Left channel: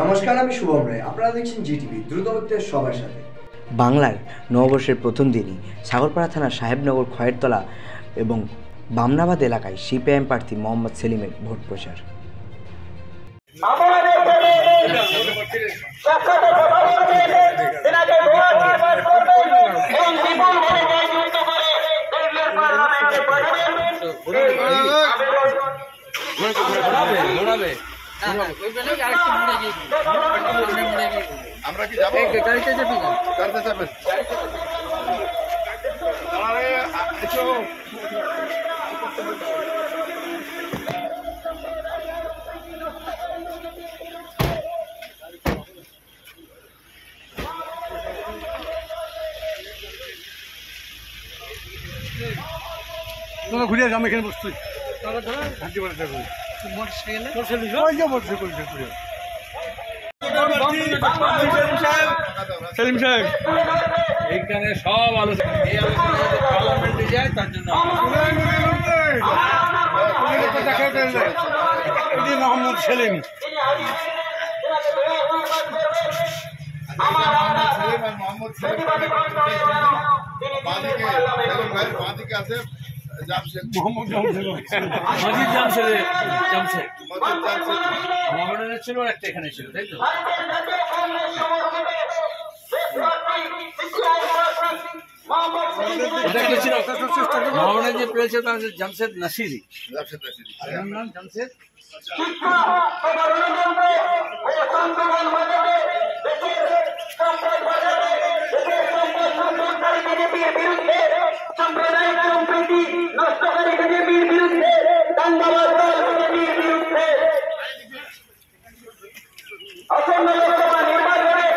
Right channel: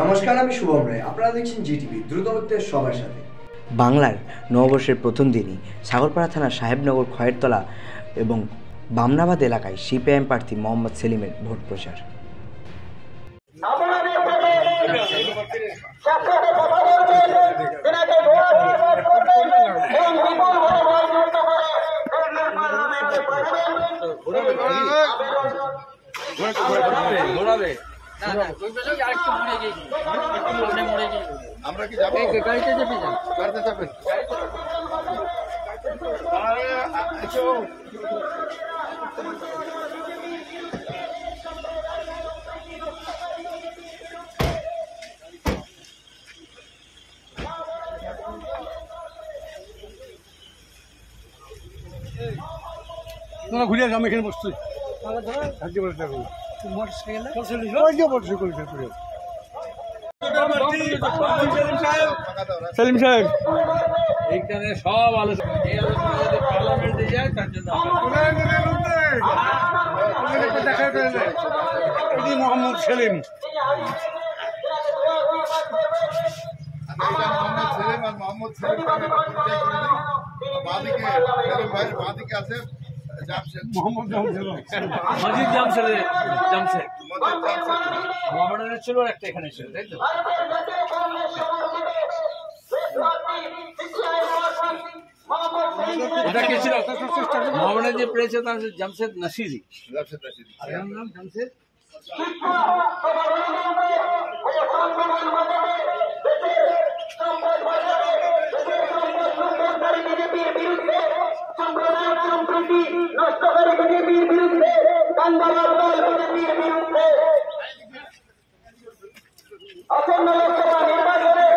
নমস্কার, আমি শুভম রায়। আপনারা দেখছেন জিটিভি, দ্রুতগতিতে সবার সাথে। বাংলার নববর্ষের প্রথম দিনই সাগরপাড়া থানার সাহেবনগর খয়েরতলা এবং বামনাবাদ এলাকায় সিপিআইএম প্রার্থী মোহাম্মদ সেলিমের ভোট প্রচার। আমরা কি যাবো? গাড়িতে যাবেন? গাড়িতে যাবেন? তোমার ঘুরে আমি এখানে বসছি। সেলিম সাহেব এইখানে সব আলোচনা পার্লামেন্টে যায় তার জন্য মোহাম্মদ সেলিম মোহাম্মদ সেলিম বাঁদিকে আছে জামশেদ, মোহাম্মদ জামশেদ, মজিদ জামশেদ, জামশেদ মজিদ জামশেদ মোহামেডানের ছিল আর একটা এখানে ছিল, তাই তো? এটা কে ছিল? মোহামেডান যে পেয়েছে তার জামশেদ নাসিরি, নাম জামশেদ। সাম্প্রদায়িক সম্প্রীতি নষ্টকারী বিজেপির বিরুদ্ধে দাঙ্গাবাজ দল বিজেপির বিরুদ্ধে আসন্ন লোকসভা নির্বাচনে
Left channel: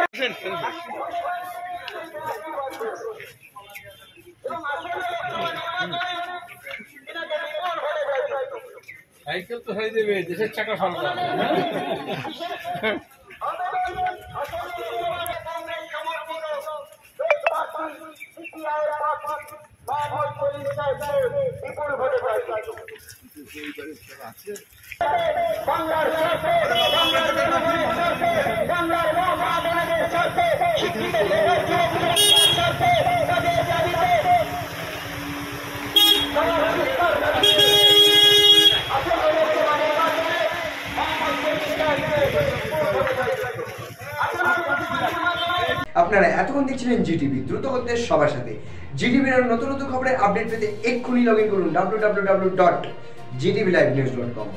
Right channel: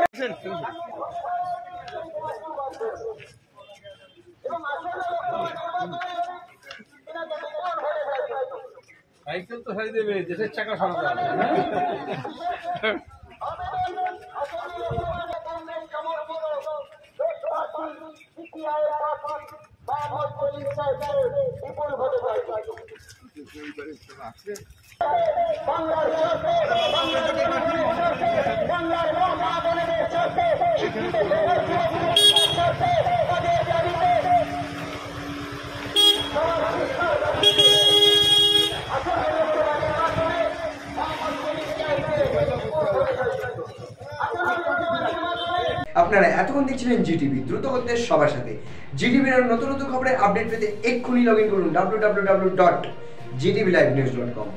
সাইকেল তো সারি দেবে, দেশের চাকা সরাতে হবে। আপনারা এতক্ষণ দেখছিলেন জিটিভি, দ্রুতগতিতে সবার সাথে। জিটিভির নতুন নতুন খবরের আপডেট পেতে এক্ষুনি লগ ইন করুন www.gtvlivenews.com।